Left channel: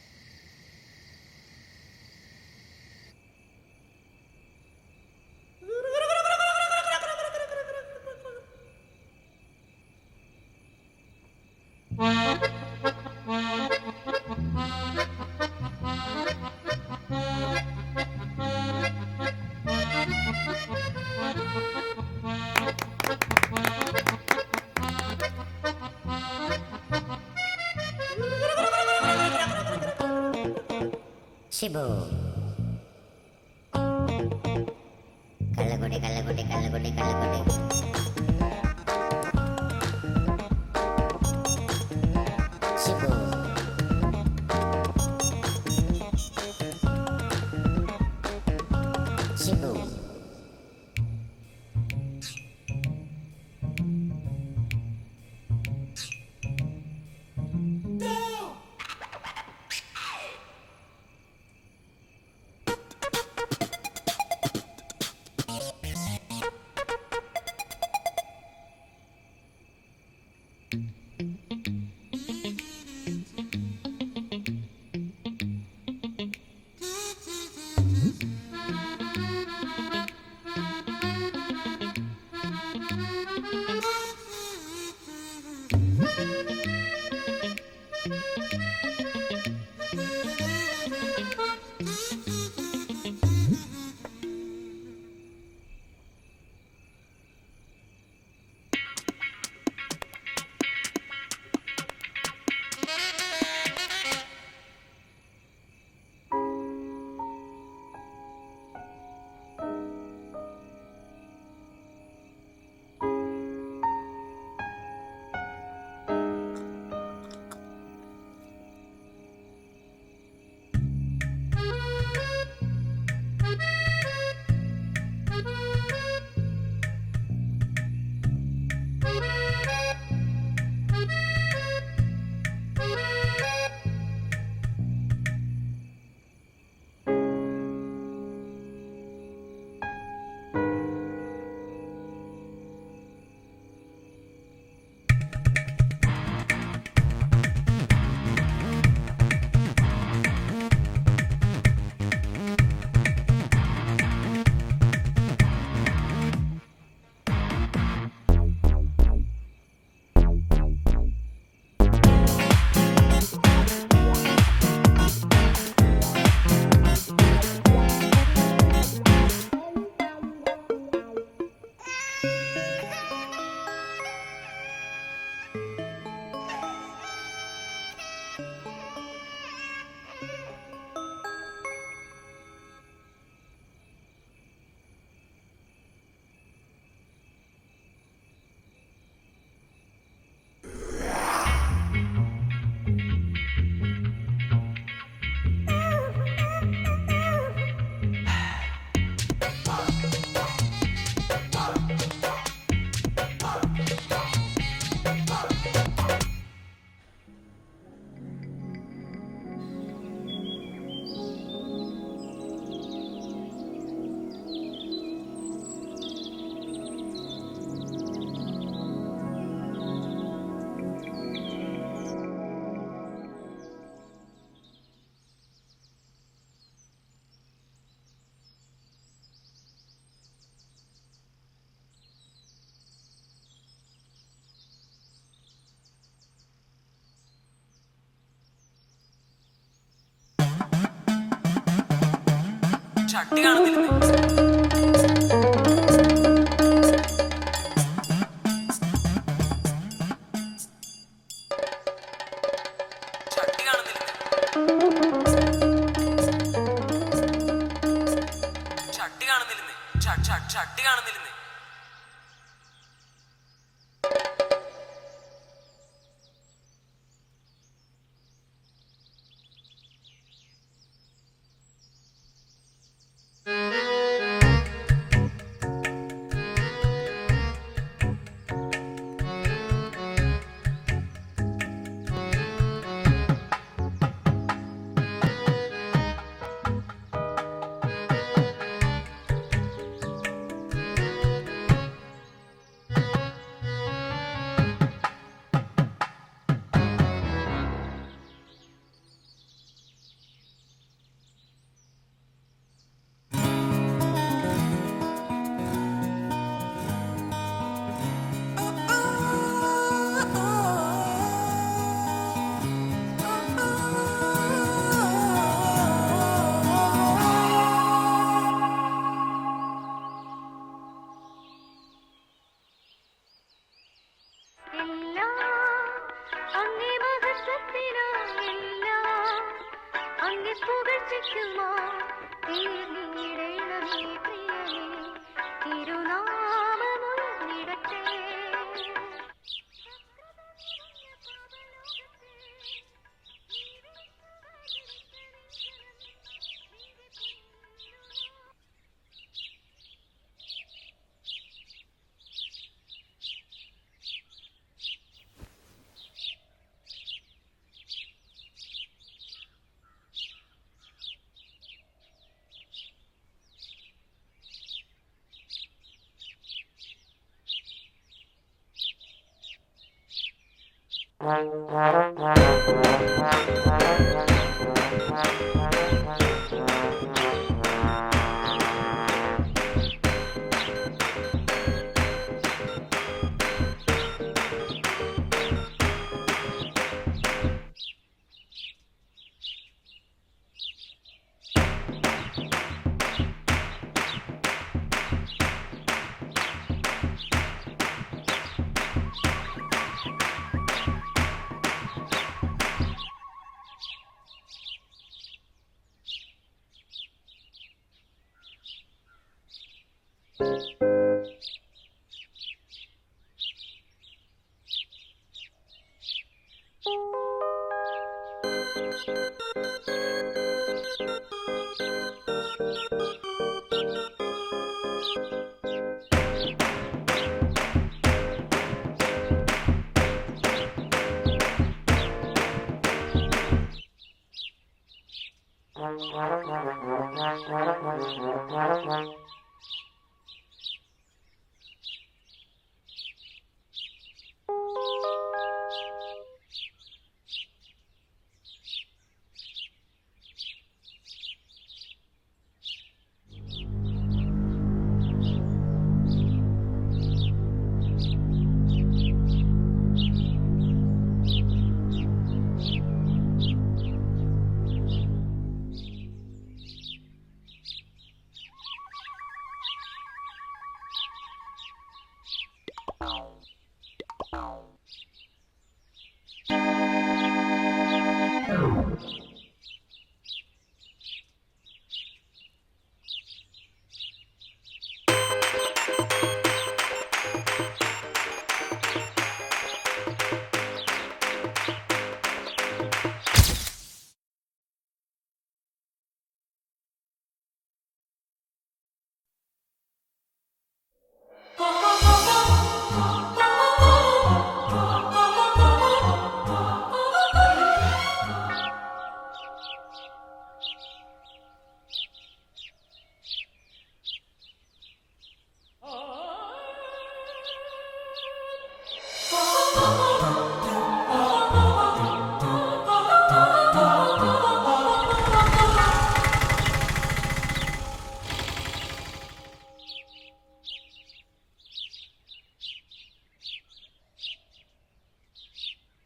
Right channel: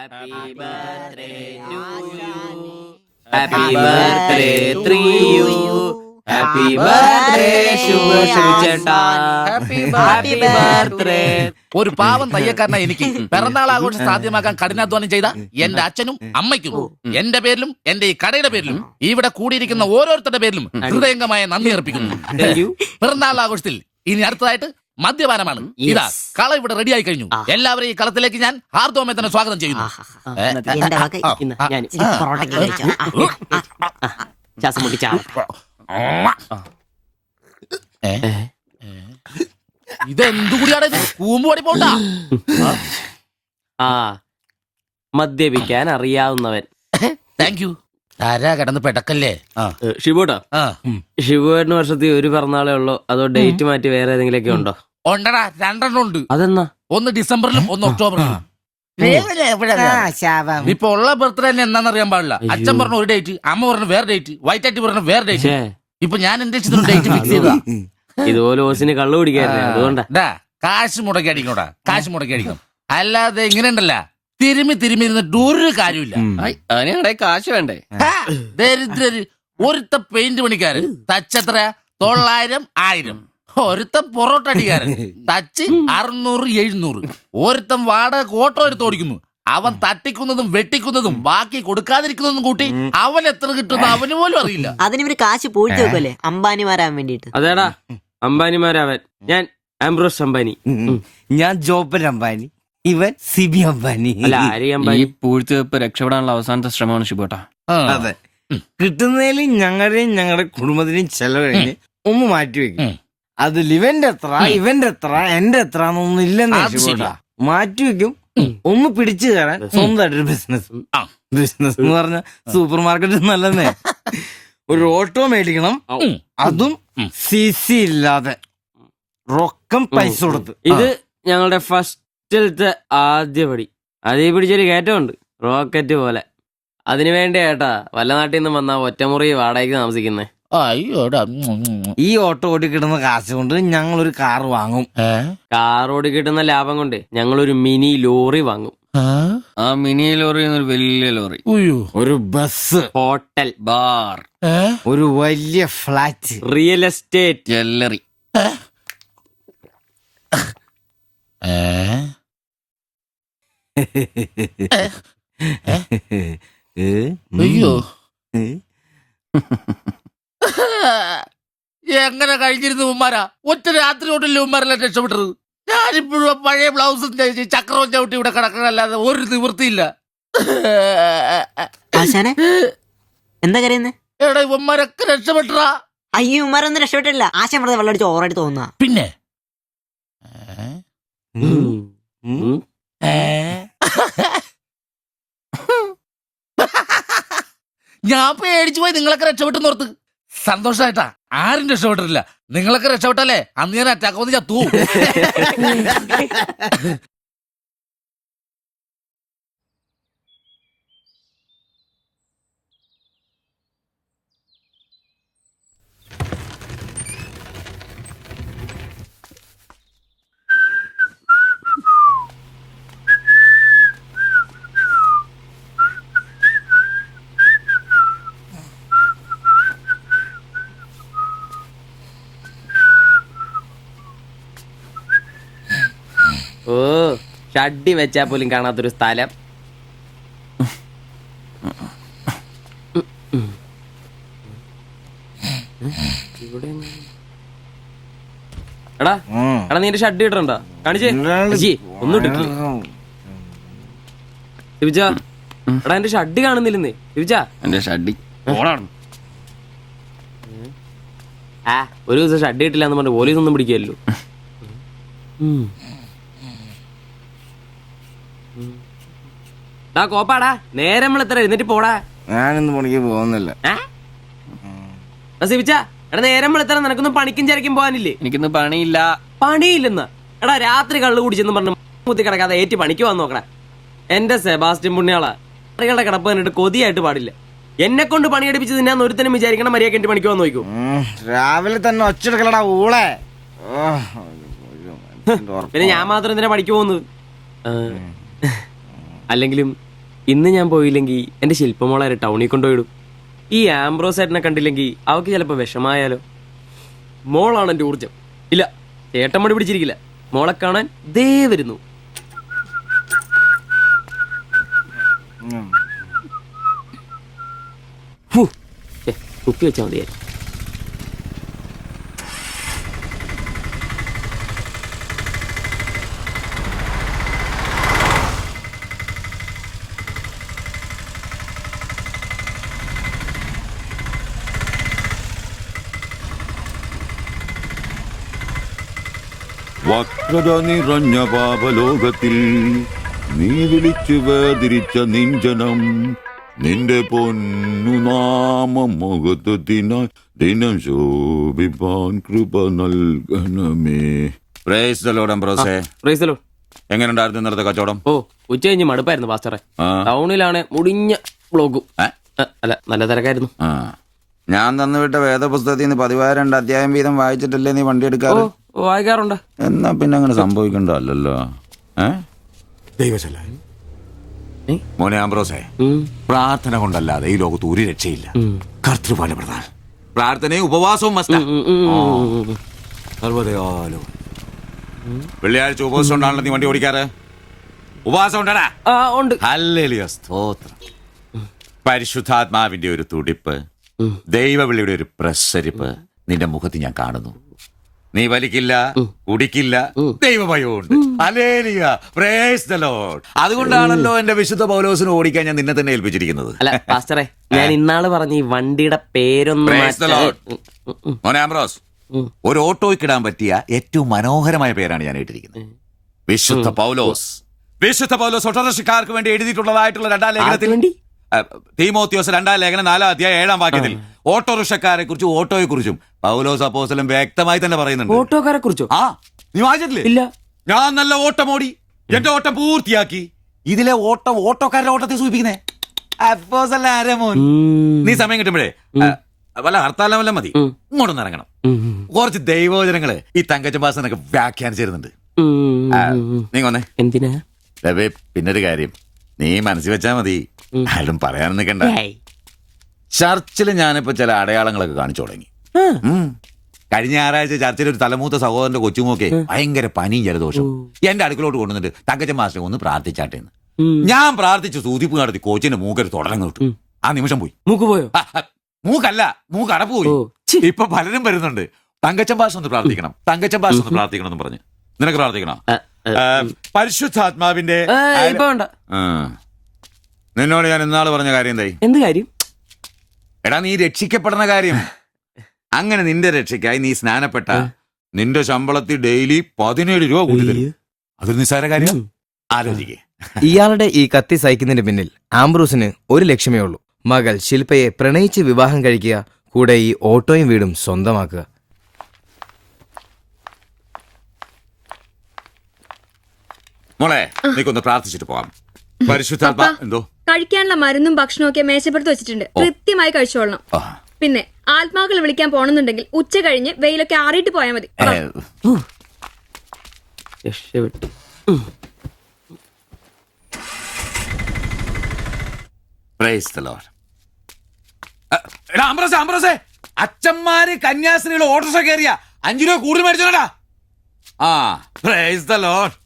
Happy birthday to you. Happy birthday to you. Happy birthday ശുഭചേട്ടാ. Happy birthday. ഒരു പാവം തയ്യക്കാരനായി എനിക്ക് പിറന്നാൾ ആഘോഷം സാധ്യമാക്കാൻ കഠിനാധ്വാനം ചെയ്ത എന്റെ അച്ഛനും അമ്മയ്ക്കും എന്റെ പേരിലും എന്റെ ഈ കടയുടെ പേരിലും ഇവിടെ കൂടിയിരിക്കുന്ന ഓരോരുത്തരുടെ പേരിലും ഹൃദയംഗമായ നന്ദി അർപ്പിക്കുന്നു. പിറന്നാൾ ആഘോഷത്തിൽ ഇനി അടുത്തതായിട്ട് മദ്യപാനമാണ്. ഇതാ കള ഇവിടെ റെഡിയായി കഴിഞ്ഞു. എല്ലാവരെയും ഈ കളത്തിലേക്ക് ഞാൻ ഹാർദവമായി തന്നെ സ്വാഗതം ചെയ്യുന്നു. ഇതെന്തുകൂടിയാണ് കൂമ്പോടി പോണ്ട. മദ്യപിക്കാൻ അറിയാവുന്നവൻ. Thank you. ആരാ കിടന്ന് പെടക്കല്ലേ ഷിബുട്ടാ. ഷിബുവേട്ടന് വർഷത്തിൽ ഒരു പിറന്നാളേ ഉള്ളോ അതോ ഡേറ്റ് മാറ്റി വേറെ ഏതെങ്കിലുമൊക്കെ ഉണ്ടോ? ഉണ്ടടാ, രണ്ടെണ്ണം ഉണ്ട്. അതെന്നാ? ഒന്ന് ഡിസംബറിലും ഒന്ന് ഒക്ടോബറിലും. ഇപ്പൊ ഉള്ള ബർത്ത്ഡേ തന്നെ എന്താണെന്നറിയാൻ പാടില്ല. അച്ഛൻ പറഞ്ഞ ഒരു ഡേറ്റ്, അമ്മ പറഞ്ഞ വേറെ ഡേറ്റ്, വൈറ്റാറ്റി പറഞ്ഞ വേറെ ഡേറ്റ്. ഇപ്പൊ ഞാൻ എന്റെ ഇഷ്ടത്തിന് ഡേറ്റ് ഫിക്സ് ചെയ്തതാ. ഇതുപോലെ ഓസിന് കള്ളു കുടിക്കാറില്ല, അതുകൊണ്ടാ. കാശ് മുടക്കി അടിക്കണോടാ, കാശ് മുടക്കി അടിക്കണം. അല്ലാതെ ഇങ്ങനെ ഉണ്ടല്ല തിരുമ്മി തിരുമ്മി ഇരുന്നിട്ട് ഒരു കാര്യമില്ല. കാശ് വേണ്ടേ? ദരിദ്രര്. ഒരുത്ത പെയിന്റ് പണിക്കാരൻ തച്ചെത്ര 900 1000. ഒരുത്ത പൊറോട്ട അടിക്കാരൻ തച്ച് 600 700. ഒരുത്തൻ വാടക ഓട്ടോ എടുത്ത് ഓടിക്കുന്നു. അവൻ തട്ടിക്കുന്നതും വെട്ടിക്കുന്നതും ബാക്കി കൊടുക്കാതിരിക്കുന്നതും കൂട്ടി അവൻ എത്ര കിട്ടുന്ന അവന് പോലും അറിയില്ല. അതിനിവര് കാശ് പൂഴ്ത്തി വെക്കല്ലേ അംബാനിമാരാൻ വേണ്ടിട്ട്. അതേടാ, അംബാനിമാരാവൻ. ഞാൻ ആംബ്രോസ് അംബാനി. ഞാൻ ജോപ്പൻ അംബാനി. ഇവൻ സിബി അംബാനി. അല്ല, ആരി അംബാനി. പൂഴ്ത്തിവെപ്പ് രക്ഷപ്പെടാനുള്ള അവസാനത്തെ ശ്രമമാണ് ഷിബോട്ട. അതെ, കിട്ടുന്നതിൽ ഞങ്ങളുടെയും ഞങ്ങളുടെ കുടുംബത്തിനെയും ചെലവ് കഴിഞ്ഞ് ഒന്ന് മാറ്റിവെക്കും. അതിൽ ഇവന്റെ എത്ര ഇവന്റെ എത്ര എന്റെ എത്ര എന്നൊന്നും ഇല്ലെന്ന് മാറ്റിവെക്കും. ഒന്ന് പിടിച്ചു കയറാൻ സ്വന്തമായിട്ടൊരു ബിസിനസ്. ബിസിനസ് എന്ന് പറഞ്ഞ സൂപ്പർ മാർക്കറ്റ് നല്ലതേ. ഒരു ഓട്ടോ മേടിക്കണം, അതും CC ഇല്ലാതെ റൊക്കം പൈസ കൊടുത്ത്. ഇത് ഞങ്ങളുടെ ഫസ്റ്റിലത്തെ ആദ്യ പടി. അതീ പിടിച്ചൊരു കയറ്റമുണ്ട്, റോക്കറ്റ് പോലെ. അതിനു വേണ്ടി ഏട്ടാ വല്ല നാട്ടിൽ നിന്ന് വന്ന ഒറ്റമുറി വാടകയ്ക്ക് താമസിക്കുന്നേ. അയ്യോടാ. ഈ ഓട്ടോ ഓടി കിട്ടുന്ന കാശ് കൊണ്ട് ഞങ്ങളൊരു കാർ വാങ്ങും. കാർ ഓടി കിട്ടുന്ന ലാഭം കൊണ്ട് ഞങ്ങളൊരു മിനി ലോറി വാങ്ങും. ആ മിനി ലോറി ഒരു വലിയ ലോറി, ഒരു ബസ്, ഹോട്ടൽ, ബാർ, ഒരു വലിയ ഫ്ലാറ്റ്, റിയൽ എസ്റ്റേറ്റ്, ജ്വല്ലറി. അയ്യോ, എങ്ങനെ കഴിഞ്ഞിരുന്നു ഉമ്മാരാ? ഒറ്റ രാത്രി കൊണ്ടല്ലേ ഉമ്മാരെല്ലാം രക്ഷപ്പെട്ടത്. ഞാനിപ്പോഴും പഴയ ബ്ലൗസും ചക്രവും ചവിട്ടി ഇവിടെ കിടക്കണല്ലാതെ ഒരു നിവൃത്തിയില്ല. ആശാനെ എന്താ കരയുന്നേ? എടാ, ഉമ്മാരൊക്കെ രക്ഷപ്പെട്ടടാ. അയ്യോ ഉമ്മാരൊന്നും രക്ഷപ്പെട്ടില്ല. ആശാൻ വെറുതെ വെള്ളം അടിച്ച് ഓവറായിട്ട് തോന്നുക. പിന്നെ ഞാൻ പേടിച്ചു പോയി. നിങ്ങളൊക്കെ രക്ഷപ്പെട്ടെന്ന് ഓർത്ത് സന്തോഷായിട്ടാ. ആരും രക്ഷപ്പെട്ടിട്ടില്ല. നിങ്ങളൊക്കെ രക്ഷപ്പെട്ടല്ലേ അന്ന് ഞാൻ അറ്റാക്ക് വന്ന് ചത്തു. ഓ, ഷഡ്ഡി വെച്ചാ പോലും കാണാത്തൊരു സ്ഥലം. എടാ എടാ, നീ എന്റെ ഷഡ്ഡി ഇടണ്ടോ? കാണിച്ചേ. ഒന്നും ഇട്ടിട്ടില്ല. ദിവിച്ചാ, എടാ എന്റെ ഷഡ്ഡി കാണുന്നില്ലെന്ന്. ദിവിച്ചാ, എന്റെ ഷഡ്ഡി ആ, ഒരു ദിവസം ഷഡ്ഡി ഇട്ടില്ല എന്ന് പറഞ്ഞ് പോലീസ് ഒന്നും പിടിക്കല്ലോ. കോപ്പാടാ, നേരെ നമ്മൾ എത്ര എഴുന്നേറ്റ് പോടാ. ഞാനിന്ന് പണിക്ക് പോകുന്നില്ല. എടാ, നേരം വെളുത്തറ നിനക്കൊന്നും പണിക്കും ചരക്കും പോകാനില്ലേ? എനിക്കിന്ന് പണിയില്ല. പണിയില്ലെന്ന്? എടാ, രാത്രി കള്ളു കുടിച്ചെന്ന് പറഞ്ഞ് കുത്തി കിടക്കാതെ ഏറ്റി പണിക്ക് വന്ന് നോക്കടാ. എന്റെ സെബാസ്റ്റ്യൻ പുണ്യാളാ, കറികളുടെ കിടപ്പ് കണ്ടിട്ട് കൊതിയായിട്ട് പാടില്ല. എന്നെ കൊണ്ട് പണിയെടുപ്പിച്ച് തിന്നാൻ ഒരുത്തനും വിചാരിക്കണം മര്യാദ എന്റെ പണിക്ക് വന്ന് നോക്കൂ. രാവിലെ തന്നെ ഒച്ചെടുക്കലടാ ഊളെ. പിന്നെ ഞാൻ മാത്രം എന്തിനാ പണിക്ക് പോകുന്നത്? അല്ലെങ്കിലും ഇന്ന് ഞാൻ പോയില്ലെങ്കിൽ എന്റെ ശില്പമോളെ ടൗണിൽ കൊണ്ടുപോയിടും. ഈ ആംബ്രോസ് ഏട്ടനെ കണ്ടില്ലെങ്കിൽ അവക്ക് ചിലപ്പോ വിഷമായാലോ. മോളാണ് എന്റെ ഊർജം. ഇല്ല, ഏട്ടൻ മടി പിടിച്ചിരിക്കില്ല. മോളെ കാണാൻ ദേ വരുന്നു. കുത്തി വെച്ചാൽ മതിയായി. വക്രത നിറഞ്ഞ പാപലോകത്തിൽ നീ വിളിച്ചു വേദിരിച്ച നിഞ്ചനം നിന്റെ പൊന്നു നാമം മുഖത്തിനായി ദിനം ശോഭിപ്പാൻ കൃപ നൽകണമേ. പ്രൈസ് ദി ലോർഡ് അംബ്രോസേ. Praise the lord. എങ്ങനെയുണ്ടായിരുന്നു ഇന്നത്തെ കച്ചവടം? ഓ, ഉച്ച കഴിഞ്ഞ് മടുപ്പായിരുന്നു പാസ്റ്ററെ. ആ. ടൗണിലാണ് മുടിഞ്ഞ ബ്ലോഗും. അല്ല, നല്ല തിരക്കായിരുന്നു. ആ, ഞാൻ തന്നുവിട്ട വേദപുസ്തകത്തിൽ നിന്ന് 12 അധ്യായം വീതം വായിച്ചിട്ടല്ലേ നീ വണ്ടി എടുക്കാറ്? വായിക്കാറുണ്ട്. എന്നാ പിന്നെ അങ്ങനെ സംഭവിക്കണ്ടല്ലോ. മോനെ ആംബ്രോസേ, പ്രാർത്ഥന കൊണ്ടല്ലാതെ ഈ ലോകത്ത് ഒരു രക്ഷയില്ല. കർത്തൃപാട് പ്രധാനം. പ്രാർത്ഥനയും ഉപവാസവും മസ്റ്റാ. വെള്ളിയാഴ്ച ഉപവാസം ഉണ്ടാണല്ലോ നീ വണ്ടി ഓടിക്കാറ്. ഉപവാസം ഉണ്ടടാ? ഉണ്ട്. ഹല്ലേലൂയ, സ്തോത്രം. പരിശുദ്ധാത്മാവിന്റെ ഒരു തുടിപ്പ്, ദൈവവിളിയുടെ ഒരു പ്രസരിപ്പ് നിന്റെ മുഖത്ത് ഞാൻ കാണുന്നു. നീ വലിക്കില്ല, കുടിക്കില്ല, ദൈവഭയമുണ്ട്. Hallelujah, praise the lord. അതുകൊണ്ടാണല്ലോ എന്റെ വിശുദ്ധ പൗലോസിനെ ഓടിക്കാൻ ഞാൻ നിന്നെ തന്നെ ഏൽപ്പിച്ചിരിക്കുന്നത്. അല്ല പാസ്റ്ററെ, ഞാൻ ഇന്നാള് പറഞ്ഞ ഈ വണ്ടിയുടെ പേരൊന്നും പ്രൈസ് ദി ലോർഡ്. മോനെ ആംബ്രോസ്, ഒരു ഓട്ടോയ്ക്കിടാൻ പറ്റിയ ഏറ്റവും മനോഹരമായ പേരാണ് ഞാൻ ഇട്ടിരിക്കുന്നത്. വിശുദ്ധ പൗലോസ്. വിശുദ്ധ പൗലോസ് ഓട്ടോറിക്ഷക്കാർക്ക് വേണ്ടി എഴുതിയിട്ടുള്ളതായിട്ടുള്ള 2-ാം ലേഖനത്തിൽ, തീമോത്തിയോസ് 2-ാം ലേഖനം 4-ാം അധ്യായം 7-ാം വാക്യത്തിൽ ഓട്ടോറിക്ഷക്കാരെ കുറിച്ചും ഓട്ടോയെ കുറിച്ചും പൗലോസ് അപ്പോസ്തലൻ വ്യക്തമായി തന്നെ പറയുന്നുണ്ട്. ഓട്ടോക്കാരെ കുറിച്ചോ? ആ, നീ വായിച്ചിട്ടില്ലേ? ഇല്ല. ഞാൻ നല്ല ഓട്ടം ഓടി, എന്റെ ഓട്ടം പൂർത്തിയാക്കി. ഇതിലെ ഓട്ടം ഓട്ടോക്കാരുടെ ഓട്ടത്തെ സൂചിപ്പിക്കുന്നേ. അപ്പോസ്തലൻ ആരാ മോൻ? നീ സമയം കിട്ടുമ്പോഴേ വല്ല ഹർത്താലം വല്ല മതി, ഇങ്ങോട്ടൊന്ന് ഇറങ്ങണം. കുറച്ച് ദൈവവചനങ്ങള് ഈ തങ്കച്ചമ്പാസനൊക്കെ വ്യാഖ്യാനിച്ചിരുന്നുണ്ട്. നീ വന്നേ. എന്തിനാ? പിന്നൊരു കാര്യം നീ മനസ്സിൽ വെച്ചാ മതി, ആരും പറയാൻ നിൽക്കണ്ട. ചർച്ചിൽ ഞാനിപ്പോ ചില അടയാളങ്ങളൊക്കെ കാണിച്ചു തുടങ്ങി. കഴിഞ്ഞ ഞായറാഴ്ച ചർച്ചിൽ ഒരു തലമൂത്ത സഹോദരന്റെ കൊച്ചുമോക്കെ ഭയങ്കര പനിയും ജലദോഷവും എന്റെ അടുക്കളോട്ട് കൊണ്ടുവന്നിട്ട് തങ്കച്ചൻ മാസ്റ്റർ ഒന്ന് പ്രാർത്ഥിച്ചാട്ടെ. ഞാൻ പ്രാർത്ഥിച്ചു, സൂതിപ്പ് നടത്തി കോച്ചിന്റെ മൂക്കൊരു തുടരം കിട്ടു. ആ നിമിഷം പോയി. മൂക്ക് പോയോ? മൂക്കല്ല, മൂക്ക് അടപ്പ് പോയി. ഇപ്പൊ പലരും വരുന്നുണ്ട്, തങ്കച്ചൻ ഭാഷ ഒന്ന് പ്രാർത്ഥിക്കണം, തങ്കച്ചൻ ഭാഷ ഒന്ന് പ്രാർത്ഥിക്കണം എന്ന് പറഞ്ഞു. നിനക്ക് പ്രാർത്ഥിക്കണം? പരിശുദ്ധാത്മാവിന്റെ നിന്നോട് ഞാൻ ഇന്നാള് പറഞ്ഞ കാര്യം എന്തായി? എന്ത് കാര്യം? എടാ, നീ രക്ഷിക്കപ്പെടുന്ന കാര്യം. അങ്ങനെ നിന്റെ രക്ഷയ്ക്കായി നീ സ്നാനപ്പെട്ട നിന്റെ ശമ്പളത്തിൽ ഡെയിലി 17 രൂപ കൂടി തരും. ഒരു നിസ്സാര കാര്യം ആലോചിക്കുക. ഇയാളുടെ ഈ കത്തി സഹിക്കുന്നതിന് പിന്നിൽ ആംബ്രൂസിന് ഒരു ലക്ഷ്യമേ ഉള്ളൂ: മകൾ ശില്പയെ പ്രണയിച്ച് വിവാഹം കഴിക്കുക, കൂടെ ഈ ഓട്ടോയും വീടും സ്വന്തമാക്കുക. മോളെ, നീക്കൊന്ന് പ്രാർത്ഥിച്ചിട്ട് പോവാം. പരിശുദ്ധാത്മാ. എന്തോ? കഴിക്കാനുള്ള മരുന്നും ഭക്ഷണവും ഒക്കെ മേശപ്പുറത്ത് വെച്ചിട്ടുണ്ട്, കൃത്യമായി കഴിച്ചോളണം. പിന്നെ ആത്മാക്കൾ വിളിക്കാൻ പോണെന്നുണ്ടെങ്കിൽ ഉച്ച കഴിഞ്ഞ് വെയിലൊക്കെ ആറിയിട്ട് പോയാൽ മതി. അച്ഛന്മാര് കന്യാസ്ത്രീകൾ ഓട്ടോറിക്ഷ കയറിയ 5 രൂപ കൂടുതൽ മേടിച്ചോടാ. ആ, പ്രൈസ് ദി ലോർഡ്.